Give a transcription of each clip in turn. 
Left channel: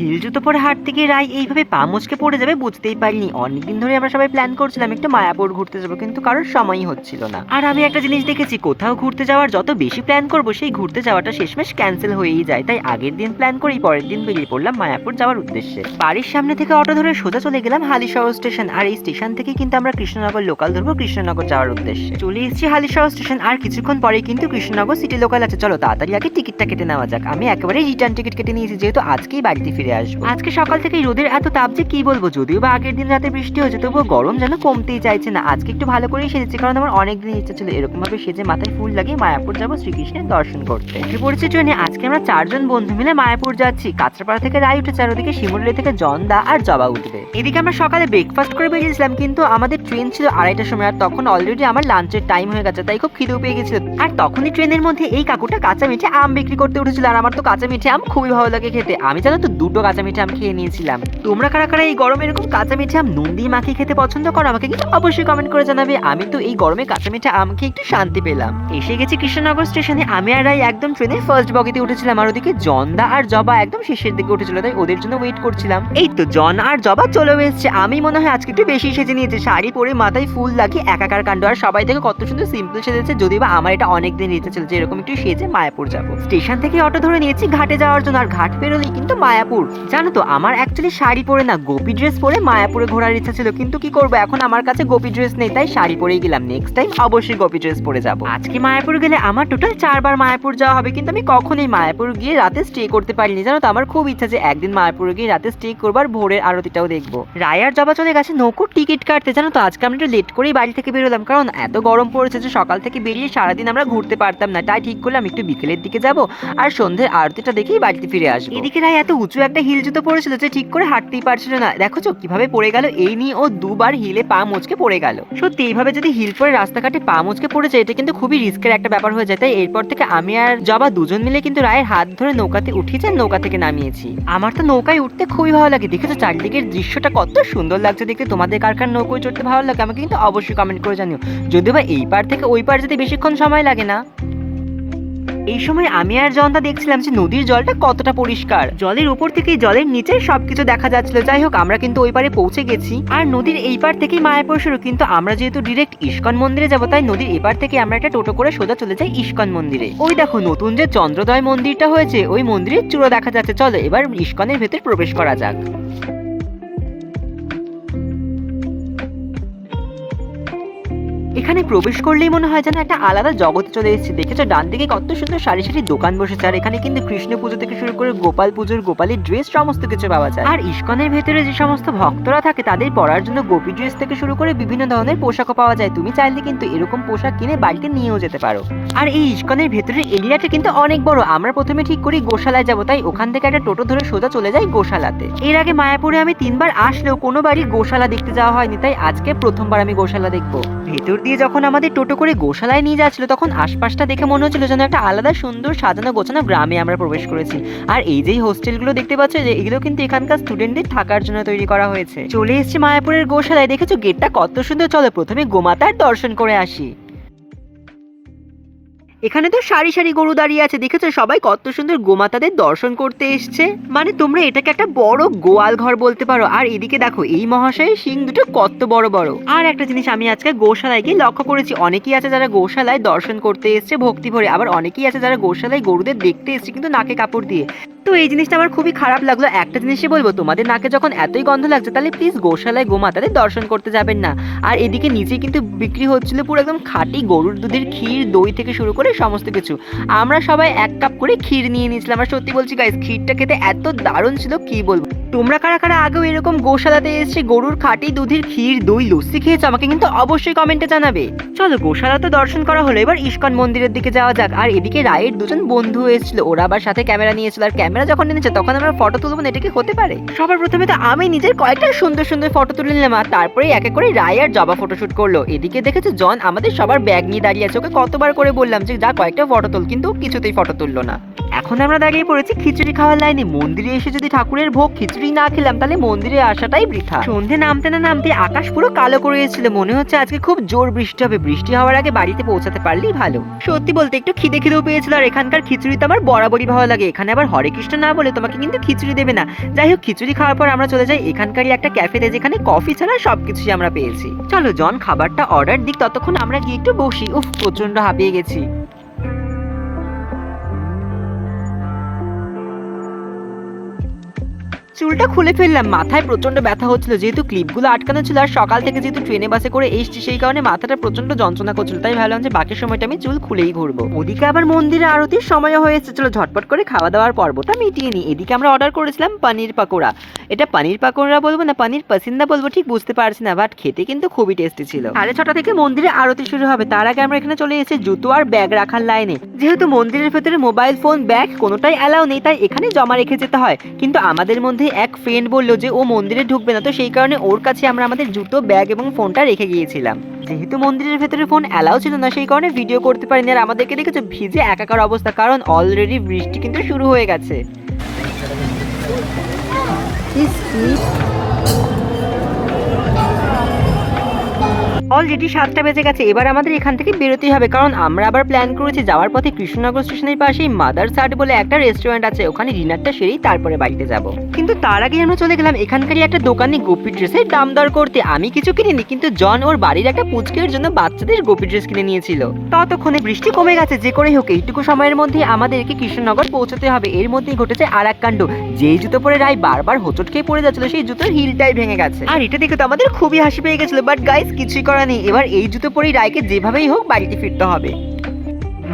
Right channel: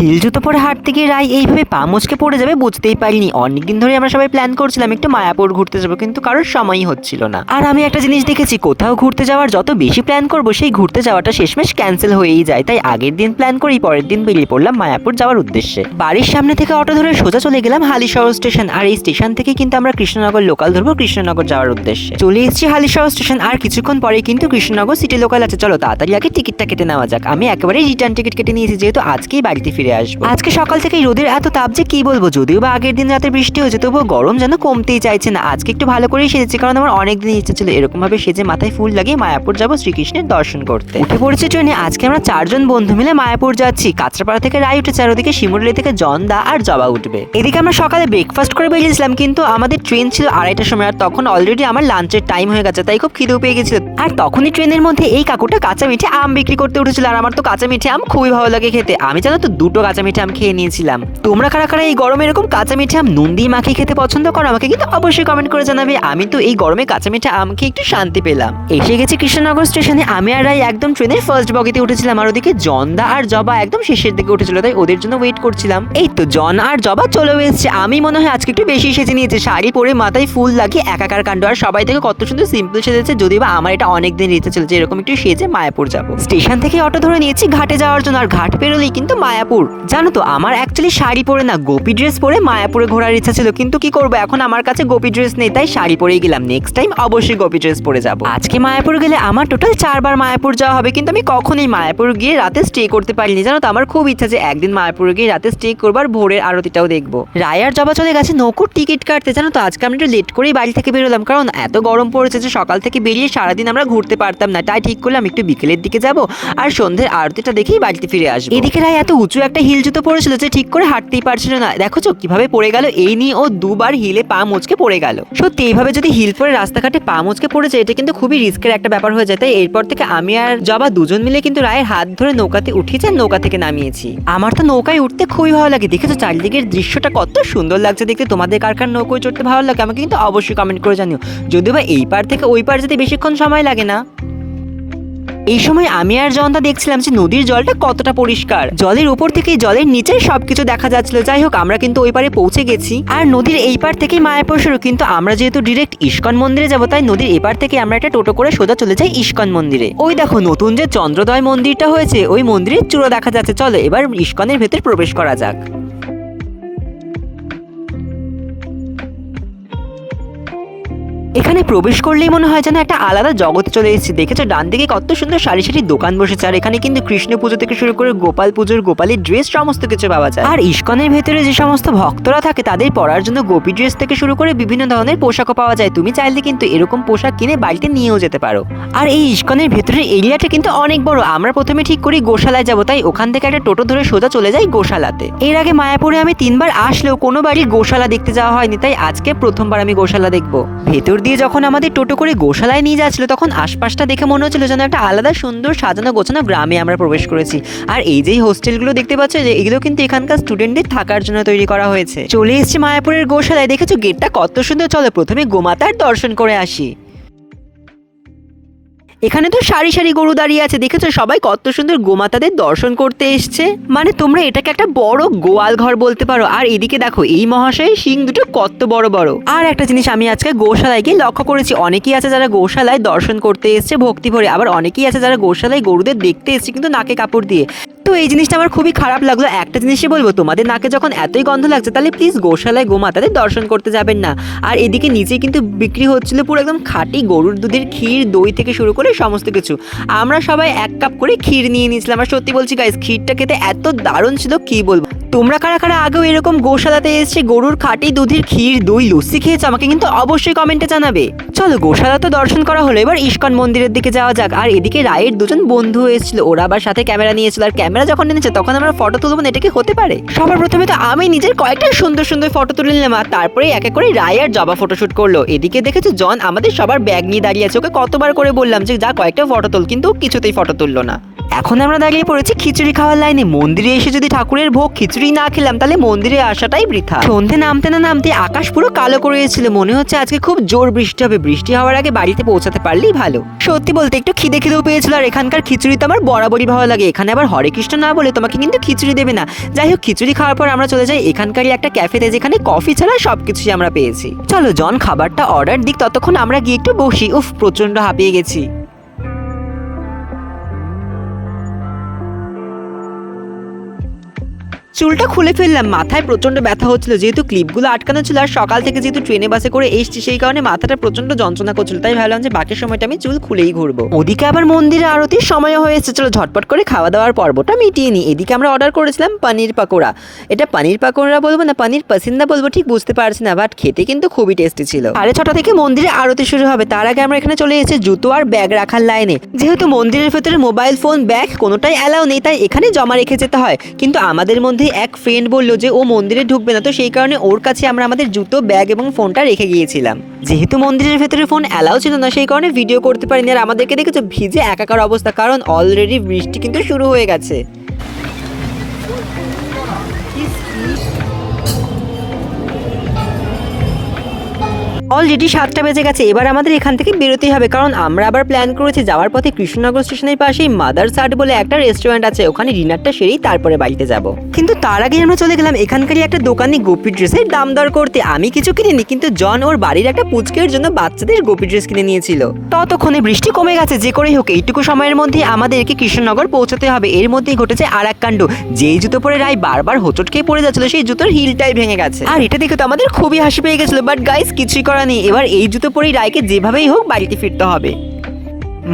Hill জুতো পরে হাঁটতে গিয়ে রায় এইভাবে পা মুচকে পড়ে যাবে বুঝতেই পারিনি। অনেকদিন ধরে আমরা সবাই প্ল্যান করছিলাম একটু মায়াপুর ঘুরতে যাব, কিন্তু কারোর সময়ই হচ্ছিল না। আর আমি একটা জিনিস দেখেছি, কোথাও ঘুরতে যাওয়ার যত বেশি প্ল্যান করব, সেই ঘুরতে যাওয়াটা শেষমেশ ক্যান্সেল হয়েই যায়। তাই আগের দিন প্ল্যান করেই পরের দিন বেরিয়ে পড়লাম মায়াপুর যাওয়ার উদ্দেশ্যে। বাড়ির সামনে থেকে অটো ধরে সোজা চলে গেলাম হালিশহর স্টেশন, আর এই স্টেশন থেকে কিন্তু আমরা কৃষ্ণনগর লোকাল ধরবো কৃষ্ণনগর যাওয়ার উদ্দেশ্যে। চলে এসেছি হালিশহর স্টেশন, আর কিছুক্ষণ পরে কিন্তু কৃষ্ণনগর সিটি লোকাল আছে। চলো তাড়াতাড়ি আগে টিকিটটা কেটে নেওয়া যাক। আমি একেবারে রিটার্ন টিকিট কেটে নিয়েছি, যেহেতু আজকেই বাড়িতে ফিরে আসব। আজকে সকাল থেকে রোদের এত তাপ যে কি বলব? যদিও বা আগের দিন রাতে বৃষ্টি হয়েছে তবুও গরম যেন কমতেই চাইছে না। আজকে একটু ভালো করেই সেজেছি কারণ আমার অনেক দিন ইচ্ছে ছিল এরকম ভাবে সেজে মাথায় ফুল লাগিয়ে মায়াপুর যাব শ্রীকৃষ্ণের দর্শন করতে। উঠে পড়েছে ট্রেনে আজকে আমরা চারজন বন্ধু মিলে মায়াপুর যাচ্ছি। কাঁচরাপাড়া থেকে রায় উঠেছে আর ওদিকে শিমুরলি থেকে জন্দা আর জবা উঠবে। এদিকে আমরা সকালে ব্রেকফাস্ট করে বেরিয়েছিলাম কিন্তু আমাদের ট্রেন ছিল আড়াইটার সময় আর তখন অলরেডি আমার লাঞ্চের টাইম হয়ে গেছে তাই খুব খিদেও পেয়ে গেছিল। আর তখনই ট্রেনের মধ্যে এই কাকুটা কাঁচা মিঠে আম বিক্রি করতে উঠেছিল আর আমার তো কাঁচা মিঠে আম খুবই ভালো লাগে খেতে। আমি জানো তো দুটো কাঁচা মিঠে আম খেয়ে নিয়েছিলাম। তোমরা কারা কারা এই গরমে এরকম কাঁচা মিঠে আম নুন দিয়ে মাখিয়ে খেতে পছন্দ করো, আমাকে কিন্তু অবশ্যই কমেন্ট করে জানাবে। আমি তো এই গরমে কাঁচা মিঠে আম খেয়ে একটু শান্তি পেলাম। এসে গেছি কৃষ্ণনগর স্টেশনে। আমি আর রাই একদম ট্রেনের ফার্স্ট বগিতে উঠেছিলাম আর ওদিকে জন্দা আর জবা একদম শেষের দিকে উঠেছিল, তাই ওদের জন্য ওয়েট করছিলাম। এই তো জন আর জবা চলে এসেছে। আমি মনে হয় আজকে একটু বেশি সেজে নিয়েছে। শাড়ি পরে মাথায় ফুল লাগিয়ে একাকার কাণ্ড। আর সবাই থেকে কত সুন্দর সিম্পল সেজেছে। যদিও বা আমার এটা অনেকদিন ইচ্ছে যে এরকম একটু সেজে মায়াপুর যাব। স্টেশন থেকে অটো ধরে নিয়েছি ঘাটে যাওয়ার জন্য। আর ঘাট পেরোলেই কিন্তু মায়াপুর। জানো তো, আমার অ্যাকচুয়ালি শাড়ি পরে না, গোপী ড্রেস পরে মায়াপুরে ঘোরার ইচ্ছা ছিল, কিন্তু কি করব? এখন আমার কাছে গোপী ড্রেস নেই, তাই শাড়ি পরেই গেলাম। নেক্সট টাইম অবশ্যই গোপী ড্রেস পরে যাব। আজকে মায়াপুর গেলে আমার টোটাল চারবার মায়াপুর যাওয়া হবে, কিন্তু আমি কখনোই মায়াপুর গিয়ে রাতে স্টে করতে পারিনি। জানো তো, আমার খুব ইচ্ছা যে একদিন মায়াপুরে গিয়ে রাতে স্টে করবার ভোরের আরতিটাও দেখব। রায়ার জবা চলে গেছে, নৌকুর টিকিট কাটতে। জানো তো, আজকে আমরা একটু লেট করেই বাড়ি থেকে বেরোলাম, কারণ এত গরম পড়েছে যে সকাল থেকে বেরিয়ে সারাদিন আমরা ঘুরতে পারতাম না। তাই ঠিক করলাম, একটু বিকেলের দিকে যাব আর সন্ধ্যের আরতিটা দেখেই বাড়িতে ফিরে আসব। এদিকে রায় এত উঁচু একটা হিল জুতো পড়েছিল যে ঠিক করে হাঁটতেই পারছিল না। দেখো চো কীভাবে পড়ে গেল, এই নিয়ে ও দুবার হিলে পা মুচকে পড়ে গেল। সত্যি, এইভাবে যদি হিল পরে রাস্তাঘাটে পা মুচকে পড়ে যায়, এটা কিন্তু খুবই রিস্কের একটা ব্যাপার হয়ে যায়। তাই এরপর থেকে আমি আর জবা দুজন মিলে কিন্তু রায়ের হাত ধরে নৌকাতে উঠিয়েছি নৌকা থেকে নামিয়েছি। আমার তো নৌকায় উঠতে খুবই ভালো লাগে। দেখেছ চারিদিকের দৃশ্যটা কত সুন্দর লাগছে দেখতে। তোমাদের কার কার নৌকোয় চড়তে ভালো লাগে আমাকে কিন্তু অবশ্যই কমেন্ট করে জানিও। যদিও বা এই পার থেকে ওই পার যেতে বেশিক্ষণ সময় লাগে না। এই সময় আমি আর জনতা দেখছিলাম যে নদীর জলটা কতটা পরিষ্কার। জলের উপর থেকে জলের নিচে সবকিছু দেখা যাচ্ছিল। যাই হোক, আমরা কিন্তু ওই পারে পৌঁছে গেছি। আর নদীর এই পার থেকেই মায়াপুর শুরু কিন্তু আমরা যেহেতু ডিরেক্ট ইস্কন মন্দিরে যাব, তাই নদীর এপার থেকে আমরা একটা টোটো করে সোজা চলে যাই ইস্কন মন্দিরে। ওই দেখো, নতুন যে চন্দ্রদয় মন্দিরটা হয়েছে, ওই মন্দিরের চূড়ো দেখা যাচ্ছে। চলো, এবার ইস্কনের ভেতর প্রবেশ করা যাক। এখানে প্রবেশ করলেই মনে হয় যেন একটা আলাদা জগতে চলে এসেছি। দেখেছ? ডান দিকে কত সুন্দর সারি সারি দোকান বসেছে। আর এখানে কিন্তু কৃষ্ণ পুজো থেকে শুরু করে গোপাল পুজোর, গোপালের ড্রেস সমস্ত কিছু পাওয়া যায়। আর ইস্কনের ভেতরে যে সমস্ত ভক্তরা থাকে, তাদের পরার জন্য গোপী ড্রেস থেকে শুরু করে বিভিন্ন ধরনের পোশাকও পাওয়া যায়। তুমি চাইলে কিন্তু এরকম পোশাক কিনে বাড়িতে নিয়েও যেতে পারো। আর এই ইস্কনের ভেতরের এরিয়াটা কিন্তু অনেক বড়। আমরা প্রথমে ঠিক করি গোশালায় যাব, তাই ওখান থেকে একটা টোটো ধরে সোজা চলে যাই গোশালাতে। এর আগে মায়াপুরে আমি তিনবার আসলেও কোনো বাড়ি গোশালা দেখতে যাওয়া হয়নি, তাই আজকে প্রথমবার আমি গোশালা দেখব। ভেতর দিয়ে যখন আমাদের টোটো করে গোশালায় নিয়ে যাচ্ছিল, তখন আশপাশটা দেখে মনে হচ্ছিল যেন একটা আলাদা সুন্দর সাজানো গোছানো গ্রামে আমরা প্রবেশ করেছি। আর এই যে হোস্টেলগুলো দেখতে পাচ্ছ, যে এগুলো কিন্তু এখানকার স্টুডেন্টদের থাকার জন্য তৈরি করা হয়েছে। চলে এসেছি মায়াপুরের গোশালায়। দেখেছ গেটটা কত সুন্দর? চলো প্রথমে গোমাতার দর্শন করে আসি। এখানে তো সারি সারি গরু দাঁড়িয়ে আছে, দেখেছ? সবাই কত সুন্দর গোমাতাদের দর্শন করতে এসছে। মানে তোমরা এটাকে একটা বড় গোয়াল ঘর বলতে পারো। আর এদিকে দেখো, এই মহাশয় সিং দুটো কত বড় বড়। আর একটা জিনিস আমি আজকে গোশালায় গিয়ে লক্ষ্য করেছি, অনেকেই আছে যারা গোশালায় দর্শন করতে এসছে ভক্তি ভরে, আবার অনেকেই আছে যারা গোশালায় গরুদের দেখতে এসছে কিন্তু নাকে কাপড় দিয়ে। তো এই জিনিসটা আমার খুবই খারাপ লাগল। একটা জিনিসই বলব, তোমাদের নাকে যখন এতই গন্ধ লাগছে, তাহলে প্লিজ গোশালায় গোমাতাদের দর্শন করতে যাবেন না। আর এদিকে নিচে কিন্তু বিক্রি হচ্ছিল পুরো একদম খাঁটি গরুর দুধের ক্ষীর, দই থেকে শুরু করে সমস্ত কিছু। আমরা সবাই এক কাপ করে ক্ষীর নিয়ে নিয়েছিলাম। আর সত্যি বলছি গাইস ক্ষীরটা খেতে এত দারুণ ছিল, কি বলব? তোমরা কারা কারা আগেও এরকম গোশালাতে এসে গরুর খাঁটি দুধের ক্ষীর, দই, লস্যি খেয়েছে? আমাকে কিন্তু অবশ্যই কমেন্টে জানাবে। চলো গোশালা তো দর্শন করা হলো। এবার ইস্কন মন্দিরের দিকে যাওয়া যাক। আর এদিকে রায়ের দুজন বন্ধু এসেছিল। ওরা আবার সাথে ক্যামেরা নিয়েছিল আর ক্যামেরা যখন নিয়েছে, তখন আমরা ফটো তুলবো না, এটা কি হতে পারে? সবার প্রথমে তো আমি নিজের কয়েকটা সুন্দর সুন্দর ফটো তুলে নিলাম, আর তারপরে একে করে রায় আর জবা ফটোশুট করল। এদিকে দেখেছ, জন আমাদের সবার ব্যাগ নিয়ে দাঁড়িয়ে আছে, ওকে কতবার করে বললাম যে, যা, কয়েকটা ফটো তুল। কিন্তু কিছুতেই ফটো তুললো না। এখন আমরা দাঁড়িয়ে পড়েছি খিচুড়ি খাওয়ার লাইনে মন্দিরে এসে যদি ঠাকুরের ভোগ খিচুড়ি না খেলাম, তাহলে মন্দিরে আসাটাই বৃথা। সন্ধে নামতে না নামতে আকাশ পুরো কালো করে এসেছিল। মনে হচ্ছে আজকে খুব জোর বৃষ্টি হবে। বৃষ্টি হওয়ার আগে বাড়িতে পৌঁছাতে পারলেই ভালো। সত্যি বলতে একটু খিদে খিদেও পেয়েছিল, আর এখানকার খিচুড়ি তো আমার বরাবরই ভালো লাগে। এখানে আবার হরে কৃষ্ণ না বলে তোমাকে কিন্তু খিচুড়ি দেবে না। যাই হোক, খিচুড়ি খাওয়ার পর আমরা চলে যাই এখানকারই একটা ক্যাফেতে, যেখানে কফি ছাড়া সবকিছুই আমরা পেয়েছি। চলো, জন, খাবারটা অর্ডার দিক, ততক্ষণ আমরা গিয়ে একটু বসি। উফ প্রচণ্ড হাঁপিয়ে গেছি। চুলটা খুলে ফেললাম। মাথায় প্রচণ্ড ব্যথা হচ্ছিল, যেহেতু ক্লিপগুলো আটকানো ছিল আর সকাল থেকে যেহেতু ট্রেনে বাসে করে এসছি, সেই কারণে মাথাটা প্রচণ্ড যন্ত্রণা করছিল। তাই ভাবলাম যে বাকি সময়টা আমি চুল খুলেই ঘুরবো। ওদিকে আবার মন্দিরে আরতির সময় হয়েছে চলো ঝটপট করে খাওয়া দাওয়ার পর্বটা মিটিয়ে নিই। এদিকে আমরা অর্ডার করেছিলাম পানির পাকোড়া। এটা পানির পাকোড়া বলব না, পানির পাসিন্দা বলব, ঠিক বুঝতে পারছি না বাট খেতে কিন্তু খুবই টেস্টি ছিল। সাড়ে ছটা থেকে মন্দিরে আরতি শুরু হবে। তার আগে আমরা এখানে চলে এসেছি জুতো আর ব্যাগ রাখার লাইনে। যেহেতু মন্দিরের ভেতরে মোবাইল ফোন ব্যাগ কোনোটাই অ্যালাউ নেই, তাই এখানে জমা রেখে যেতে হয়। কিন্তু আমাদের মধ্যে এক ফ্রেন্ড বলল যে, ও মন্দিরে ঢুকবে না। তো সেই কারণে ওর কাছে আমরা আমাদের জুতো ব্যাগ এবং ফোনটা রেখে গিয়েছিলাম। যেহেতু মন্দিরের ভেতরে ফোন অ্যালাউ ছিল না, সেই কারণে ভিডিও করতে পারিনি। আর আমাদেরকে দেখেছ, ভিজে একাকার অবস্থা, কারণ অলরেডি বৃষ্টি কিন্তু শুরু হয়ে গেছে। অলরেডি সাতটা বেজে গেছে, এবার আমাদের এখান থেকে বেরোতেই হবে। কারণ আমরা আবার প্ল্যান করেছি, যাওয়ার পথে কৃষ্ণনগর স্টেশনের পাশেই মাদার সাট বলে একটা রেস্টুরেন্ট আছে, ওখানে ডিনারটা সেরেই তারপরে বাড়িতে যাব। কিন্তু তার আগে আমরা চলে গেলাম, এখানকারই একটা দোকানে গোপী ড্রেসের দাম দর করতে। আমি কিছু কিনিনি, কিন্তু জন ওর বাড়ির একটা পুচকের জন্য বাচ্চাদের গোপী ড্রেস কিনে নিয়েছিল। ততক্ষণে বৃষ্টি কমে গেছে, যে করেই হোক, এইটুকু সময়ের মধ্যে আমাদেরকে কৃষ্ণনগর পৌঁছাতে হবে। এর মধ্যেই ঘটেছে আর এক কাণ্ড যেই জুতো পরে রায় বারবার হোঁচট খেয়ে পড়ে যাচ্ছিল, সেই জুতোর হিলটাই ভেঙে গেছে। আর এটা দেখে তো আমাদের খুবই হাসি পেয়ে গেছিল। বাট গাইস কিছুই করা নেই। এবার এই জুতো পরেই রায়কে যেভাবেই হোক বাড়িতে ফিরতে হবে।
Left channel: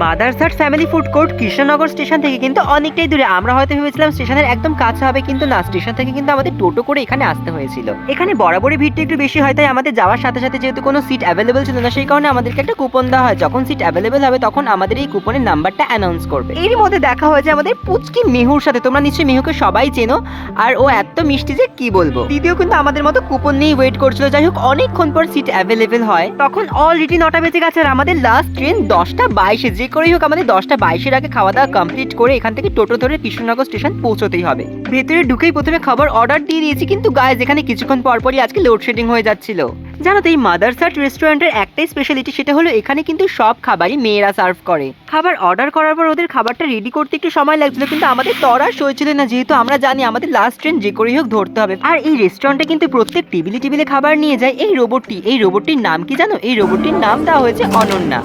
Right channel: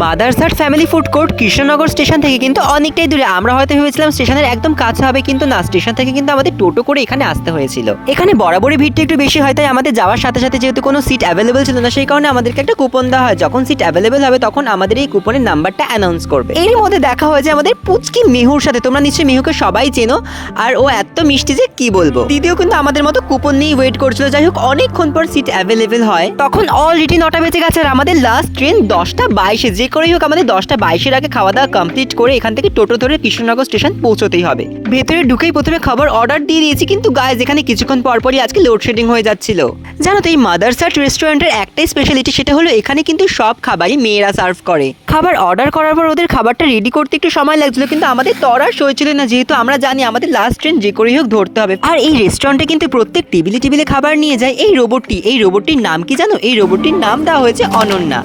মাদারসাট family food court Krishnanagar station থেকে কিন্তু অনেকটাই দূরে। আমরা হয়তো ভেবেছিলাম স্টেশনের একদম কাছে হবে, কিন্তু না, স্টেশন থেকে কিন্তু আমাদের টোটো করে এখানে আসতে হয়েছিল। এখানে বরাবরই ভিড়টা একটু বেশি হয়, তাই আমাদের যাওয়ার সাথে সাথে যেহেতু কোনো সিট অ্যাভেলেবেল ছিল না, সেই কারণে আমাদেরকে একটা কুপন দেওয়া হয়। যখন সিট অ্যাভেলেবেল হবে, তখন আমাদের এই কুপনের নাম্বারটা অ্যানাউন্স করবে। এর মধ্যে দেখা হয়েছে আমাদের পুচকি মেহুর সাথে। তোমরা নিশ্চয়ই মেহুকে সবাই চেনো, আর ও এত মিষ্টি যে কি বলব? দিদিও কিন্তু আমাদের মতো কুপন নিয়েই ওয়েট করছিল। যাই হোক, অনেকক্ষণ পর সিট অ্যাভেলেবেল হয়। তখন অলরেডি নটা বেজে গেছে, আর আমাদের লাস্ট ট্রেন দশটা বাইশে। যে করেই হোক আমাদের দশটা বাইশের আগে খাওয়া দাওয়া কমপ্লিট করে এখান থেকে টোটো ধরে কৃষ্ণনগর স্টেশন পৌঁছতেই হবে। ভেতরে ঢুকেই প্রথমে খাবার অর্ডার দিয়ে দিয়েছি, কিন্তু গায়ে যেখানে কিছুক্ষণ পরপরই আজকে লোডশেডিং হয়ে যাচ্ছিল। জানো তো এই মাদারসাট রেস্টুরেন্টের একটাই স্পেশালিটি সেটা হলো এখানে কিন্তু সব খাবারই মেয়েরা সার্ভ করে। খাবার অর্ডার করার পর ওদের খাবারটা রেডি করতে একটু সময় লাগছিল, কিন্তু আমাদের তরার সই ছিল না, যেহেতু আমরা জানি আমাদের লাস্ট ট্রেন যে করেই হোক ধরতে হবে। আর এই রেস্টুরেন্টে কিন্তু প্রত্যেক টেবিলে টেবিলে খাবার নিয়ে যায়, এই রোবটটি এই রোবটটির নাম কি জানো? এই রোবটটির নাম দেওয়া হয়েছে অনন্যা।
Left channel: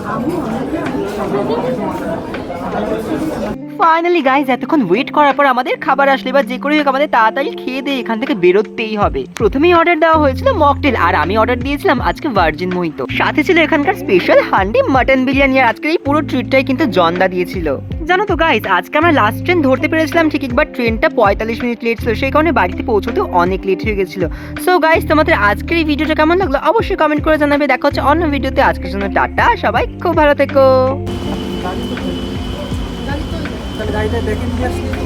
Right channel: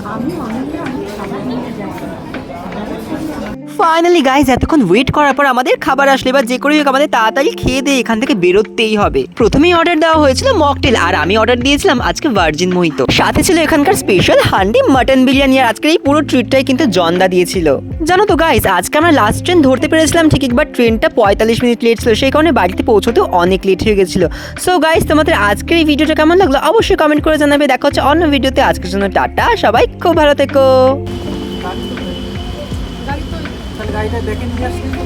ফাইনালি গাইজ এতক্ষণ ওয়েট করার পর আমাদের খাবার আসলে, এবার যে করেই হোক আমাদের তাড়াতাড়ি খেয়ে দিয়ে এখান থেকে বেরোতেই হবে। প্রথমেই অর্ডার দেওয়া হয়েছিল মকটেল আর আমি অর্ডার দিয়েছিলাম আজকে ভার্জিন মোহিত সাথে ছিল এখানকার স্পেশাল হান্ডি মাটন বিরিয়ানি, আর আজকের এই পুরো ট্রিটটাই কিন্তু জন্দা দিয়েছিল। জানো তো গাইজ আজকে আমরা লাস্ট ট্রেন ধরতে পেরেছিলাম, ঠিক একবার ট্রেনটা পঁয়তাল্লিশ মিনিট লেট ছিল, সেই কারণে বাড়িতে পৌঁছতেও অনেক লেট হয়ে গেছিল। সো গাইজ তোমাদের আজকের এই ভিডিওটা কেমন লাগল? অবশ্যই কমেন্ট করে জানাবে। দেখা হচ্ছে অন্য ভিডিওতে আজকের জন্য টাটা, সবাই খুব ভালো থেকো। তাহলে গাড়িটা দেখে নিয়ে আসলে